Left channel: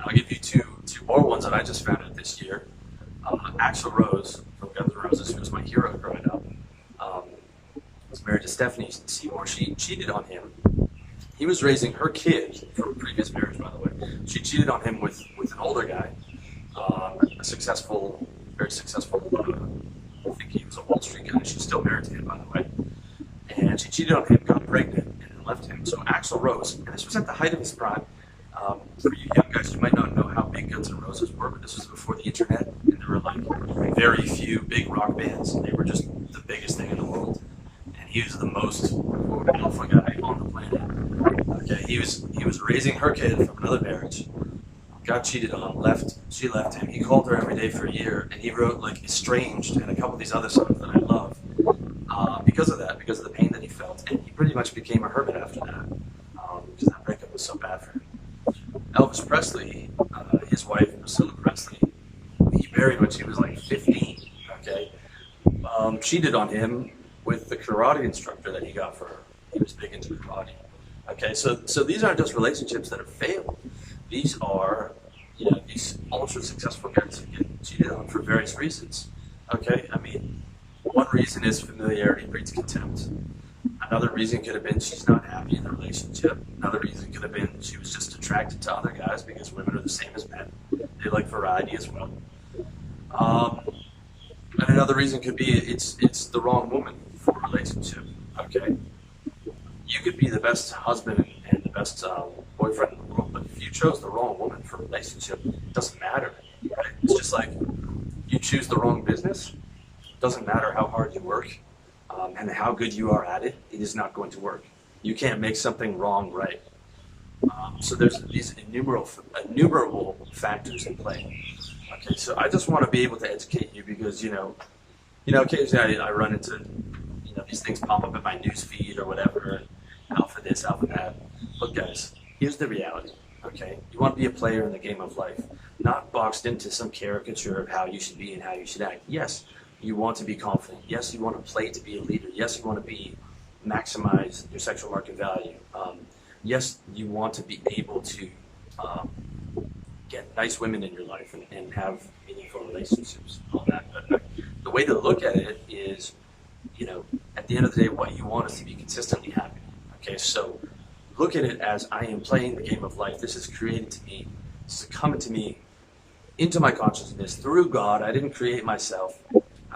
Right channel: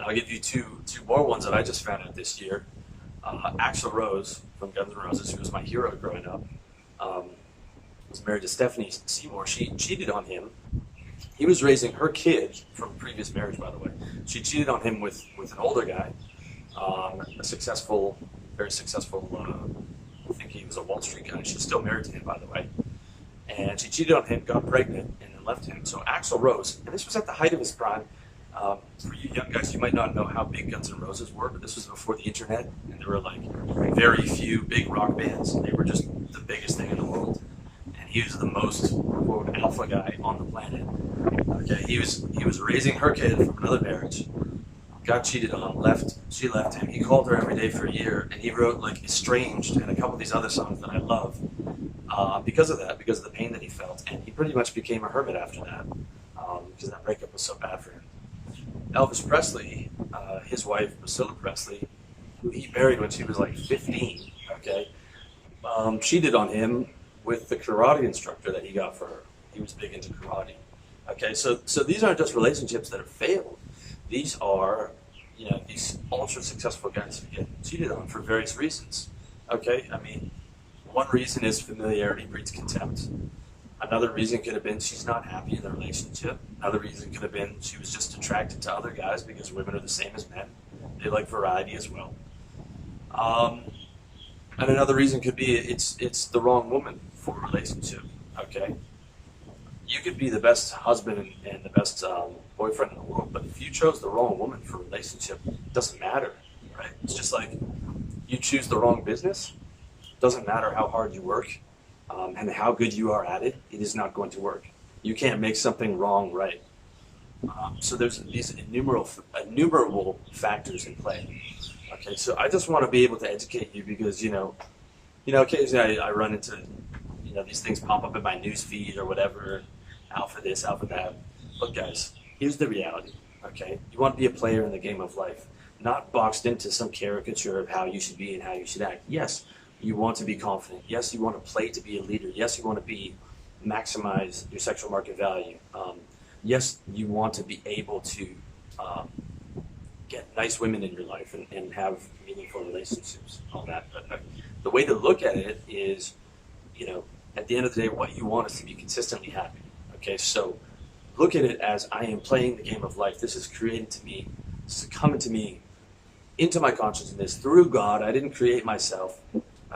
And I'll give you two more ones that I just found out this year. Axl Rose from Guns N' Roses, who was my hero growing up, was married to Stephanie Seymour. She cheated on him. He was raising her kid from a previous marriage, by the way. She cheated on him with an older guy, a successful, very successful, I think he was a Wall Street guy. She's still married to him, by the way. And she cheated on him, got pregnant, and then left him. So Axl Rose, and this was at the height of his prime. For you young guys, you might not know how big Guns N' Roses were, but this was before the internet, and there were like very few big rock bands. They were just the biggest thing in the world. And he was the most, quote, alpha guy on the planet. Okay, he was raising her kid from another marriage, got cheated on, she left him. He called her every day for a year, and he wrote like Estranged and a couple of these other songs that I love because of that, because of the pain that he felt. And he pretty much became a hermit after that, because that breakup was so bad for him. Elvis Presley, his wife Priscilla Presley, who he married when she was like 15, okay, cheated on him with the karate instructor that he got for her. He was big into karate. Okay, so these aren't just relationships that have failed. These are, these ultra successful guys who get cheated on for various reasons. Okay, I mean, one reason is familiarity breeds contempt. Another reason could have been she's not happy in the relationship. Another reason could have been she was just attracted to other guys because women are the same as men. They like variety as well. And another reason could be it's the wrong woman for a relationship. Okay, you could be the best husband and the best boyfriend in the world, but if you chose the wrong woman for a relationship, it doesn't matter. Right? It's just like you choose the wrong business. It doesn't matter how hard you work. And how good you are at it, it is not going to work. You can't make something wrong right. So there's these innumerable factors in play. Okay, so I just want to be able to educate you because occasionally I run into these things pop up in my news feed or whatever, alpha this, alpha that. Look, guys, here's the reality. Okay, you want to be a player in the game of life, not boxed into some caricature of how you should be and how you should act. Yes. You want to be confident. Yes, you want to play to be a leader. Yes, you want to maximize your sexual market value. Yes, you want to be able to get nice women in your life and have meaningful relationships, all that. But the way to look at it is, at the end of the day, what you want is to be consistently happy. Okay, so look at it as I am playing the game of life. This is created to me, this is coming to me into my consciousness through God. I didn't create myself.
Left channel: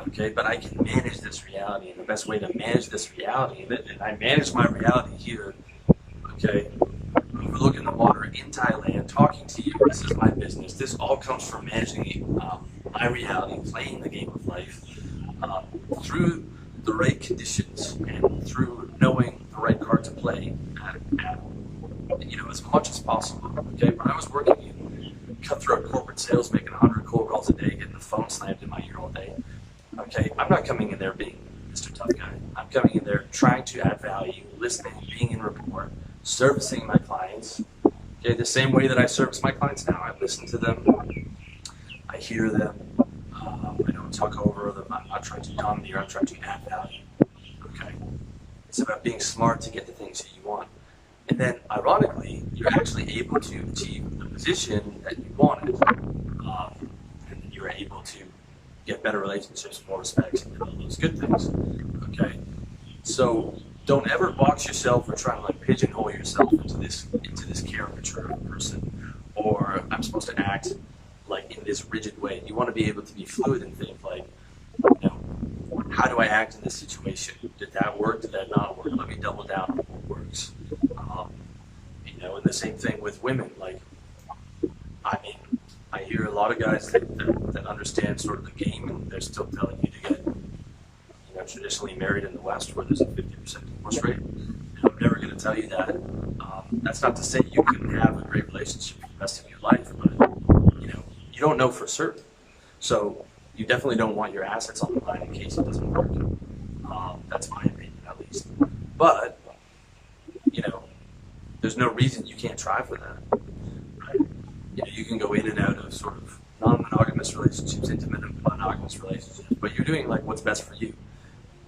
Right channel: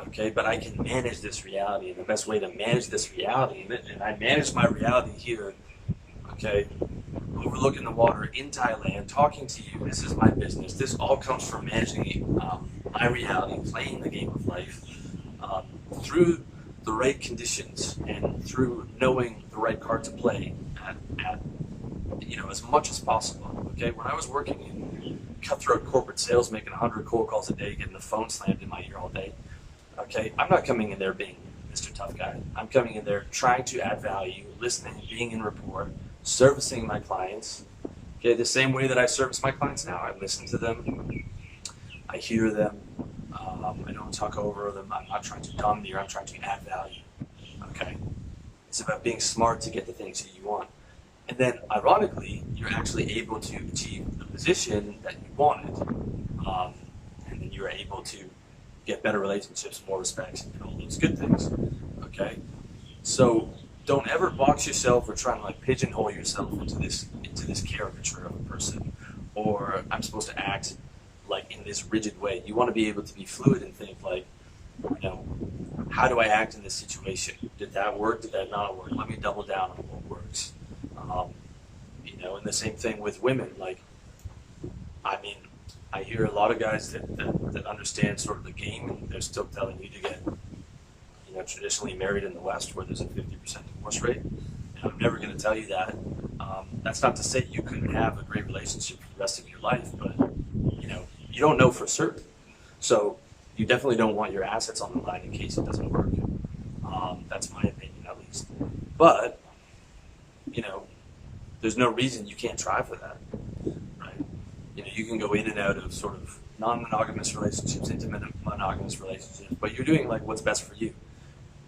Okay, but I can manage this reality, and the best way to manage this reality, and I manage my reality here, okay, overlooking the water in Thailand, talking to you, this is my business. This all comes from managing my reality, playing the game of life through the right conditions and through knowing the right card to play at as much as possible. Okay, when I was working in cutthroat corporate sales, making 100 cold calls a day, getting the phone slammed in my ear all day. Okay, I'm not coming in there being Mr. Tough Guy. I'm coming in there trying to add value, listening, being in rapport, servicing my clients. Okay, the same way that I service my clients now. I listen to them. I hear them. I don't talk over them. I'm not trying to domineer. I'm trying to add value. Okay, it's about being smart to get the things that you want. And then, ironically, you're actually able to achieve the position that you wanted. And then you're able to get better relationships, more respect, and all those good things. Okay, so don't ever box yourself or try to pigeonhole yourself into this caricature of a person, or I'm supposed to act in this rigid way. You want to be able to be fluid and think how do I act in this situation? Did that work? Did that not work? Let me double down on what works. And the same thing with women. I hear a lot of guys that understand sort of the game, and they're still telling you to get, traditionally married in the West where there's a 50% divorce rate. And I'm never going to tell you that. That's not to say you couldn't have a great relationship for the rest of your life, but, you don't know for certain. So you definitely don't want your assets on the line in case it doesn't work. That's my opinion, at least. But, there's no reason you can't try for that, right? You can go in and out of sort of non-monogamous relationships, intimate monogamous relationships, but you're doing what's best for you.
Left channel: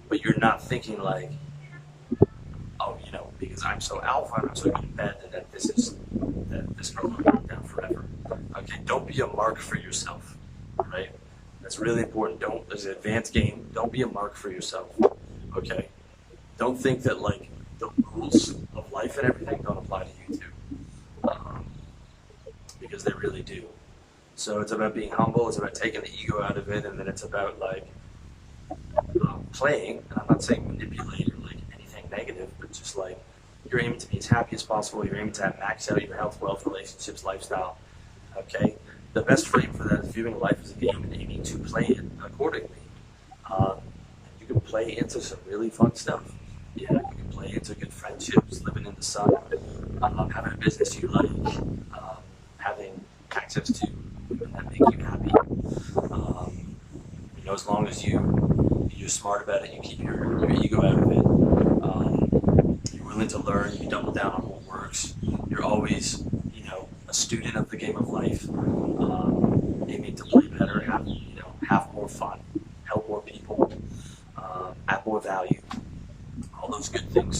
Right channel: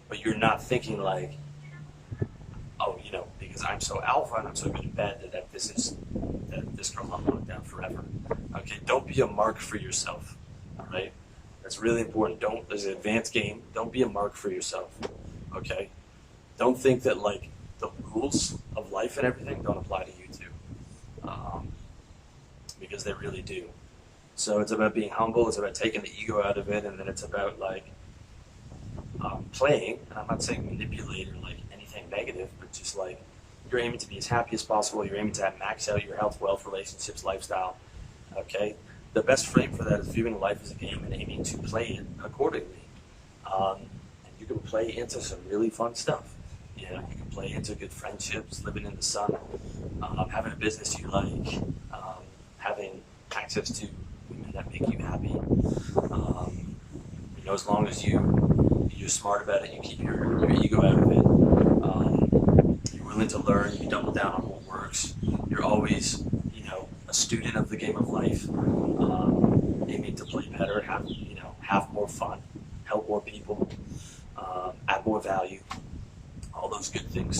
But you're not thinking because I'm so alpha and I'm so good in bed that this girl will lock down forever. Okay, don't be a mark for yourself. All right, that's really important. Don't. There's an advanced game. Don't be a mark for yourself. Okay, don't think that like the rules of life and everything don't apply to you too, because they really do. So it's about being humble. It's about taking the ego out of it, and then it's about like playing. And I'm not saying manipulate or like anything negative, but just like you're aiming to be as happy as possible. You're aiming to have max out your health, wealth, relationships, lifestyle. Okay, the best frame for that is viewing life as a game and aiming to play it accordingly. And you can play into some really fun stuff. Yeah, you can play into good friendships, living in the sun, having a business you like, having access to women that make you happy. You know, as long as you're smart about it, you keep your ego out of it. You're willing to learn. You double down on what works. You're always, you know, a student of the game of life, aiming to play better, have more fun, help more people, add more value, all those good things.